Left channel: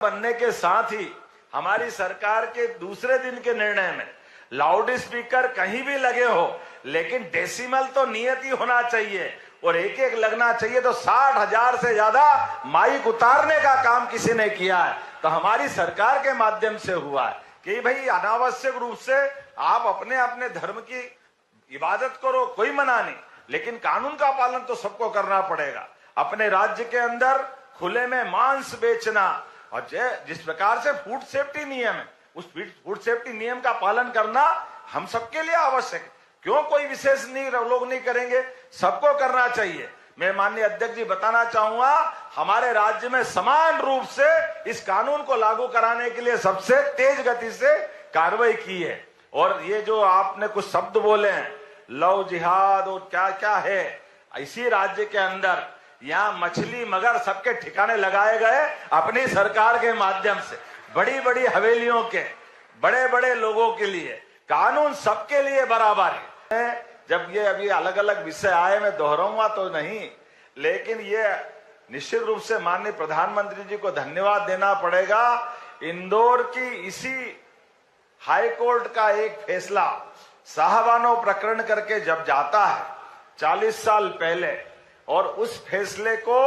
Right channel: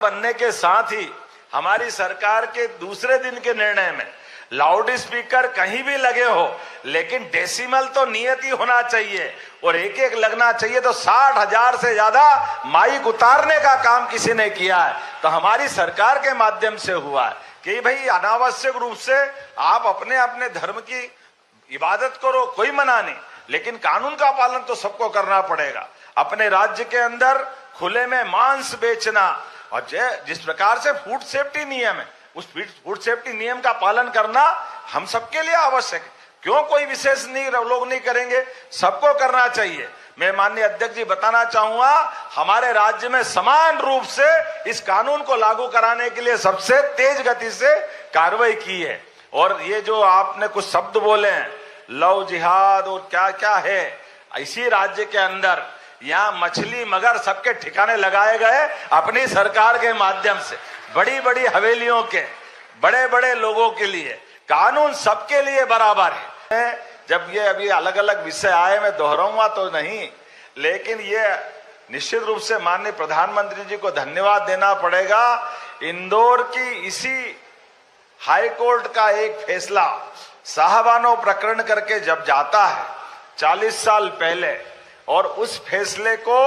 बनने के साथ ही हमारी सरकार के दूसरे दिन के निर्णय में लाउड स्पीकर कहीं भी लगे हो, लेकिन डेसिमल तो नियत ही होना चाहिए और एक एक लगना चाहिए। तो 60,000 से ज्यादा माइक उतारने का काम किसी ने किया है, तो हमारी सरकार के माध्यम से हुआ है कि भाई अनावश्यक रूप से आप अपने अपने धर्म की इबादत करो, कोई मना नहीं, लेकिन कानून का पालन तो सबको करना पड़ेगा। अपने राज्य के अंदर खुले में मांस बेचना और जिस प्रकार से फूड सेफ्टी नियम है, उस फूड सेफ्टी नियम का पालन करना हम सबके लिए आवश्यक है। क्यों कोई विशेष लोग नहीं करेंगे, सबको करना चाहिए। मैं माननीय अध्यक्ष जी बताना चाहूंगा, हमारे राज्य में समान रूप से इस कानून को लागू कराने के लिए सबसे तेज गति से कार्रवाई की है। और ये जो आपने कुछ शब्द बोले हैं, लव जिहाद और क्या क्या है, इसी राज्य के अंदर यहाँ मछली मगर सबके ठिकाने लगाए गए अपनी सरकार के माध्यम से। बड़ी बड़ी हवेलियों के बड़े बड़े लोगों के लिए कानून सबके लिए बराबर है। जब ये अभी अलग अलग विषय आए, मैं दोहराऊंगा तो नहीं, लेकिन ये निश्चित रूप से माननीय प्रधानमंत्री जी को धन्यवाद देना पड़ेगा। इंदौर की इसी हाई कोर्ट का एक फैसला साहबानो प्रकरण करके जब जाता है 40 साल पहले, और उस फैसले को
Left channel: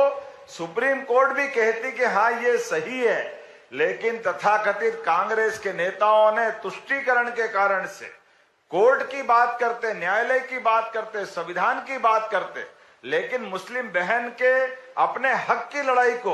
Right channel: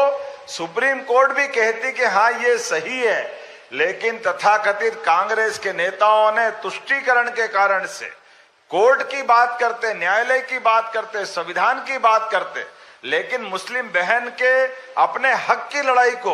सुप्रीम कोर्ट भी कहती कि हाँ ये सही है, लेकिन तथाकथित कांग्रेस के नेताओं ने तुष्टीकरण के कारण से कोर्ट की बात करते, न्यायालय की बात करते, संविधान की बात करते, लेकिन मुस्लिम बहन के अपने हक की लड़ाई को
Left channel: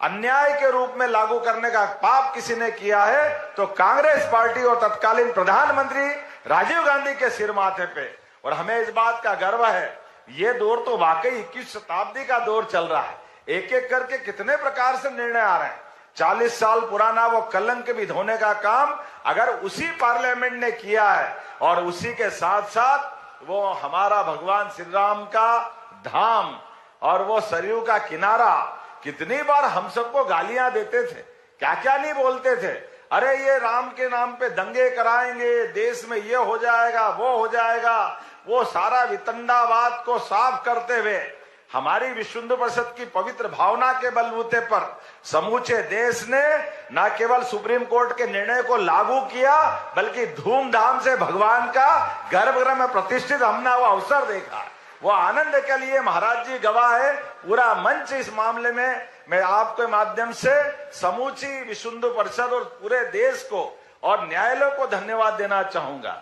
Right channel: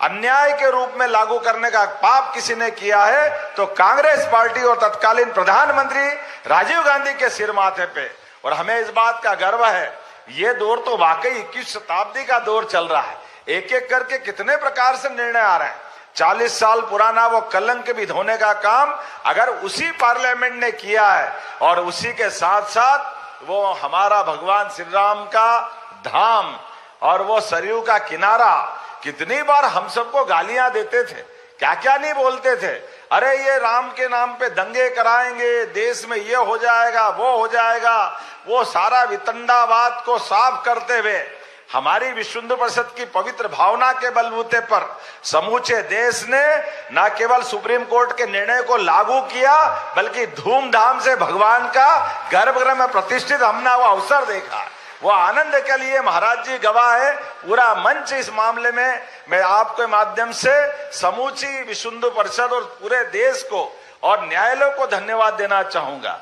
अन्याय के रूप में लागू करने का पाप किसी ने किया है तो कांग्रेस पार्टी और तत्कालीन प्रधानमंत्री राजीव गांधी के सिर माथे पे। और हमें इस बात का गर्व है, ये दौर तो वाकई 21 शताब्दी का दौर चल रहा है। एक एक करके कितने प्रकार से निर्णय आ रहे हैं। 40 साल पुराना वो कलंक भी धोने का काम अगर उसी पार्लियामेंट ने किया है, और उसी के साथ साथ वो हमारा भगवान श्री राम का धाम और वो सरयू का किनारा, कितनी बार हम सबको गालियां देते थे, क्या क्या नहीं बोलते थे। अरे ये राम के नाम पे दंगे कराएंगे, देश में ये हो जाएगा, वो हो जाएगा। वो सारा वितंडावाद को साफ करते हुए हमारी विश्व हिंदू परिषद की पवित्र भावना के बलबूते पर समूचे देश ने न केवल सुप्रीम कोर्ट के निर्णय को लागू किया, बल्कि धूमधाम से भगवान का गर्भगृह में प्रतिष्ठित हमने वो अवसर देखा। वो आनंद के लिए महाराज जी गवाह है। पूरा मंच इस मामले में मैं आपके माध्यम से समूची विश्व हिंदू परिषद और पूरे देश को और न्यायालय को धन्यवाद देना चाहूंगा।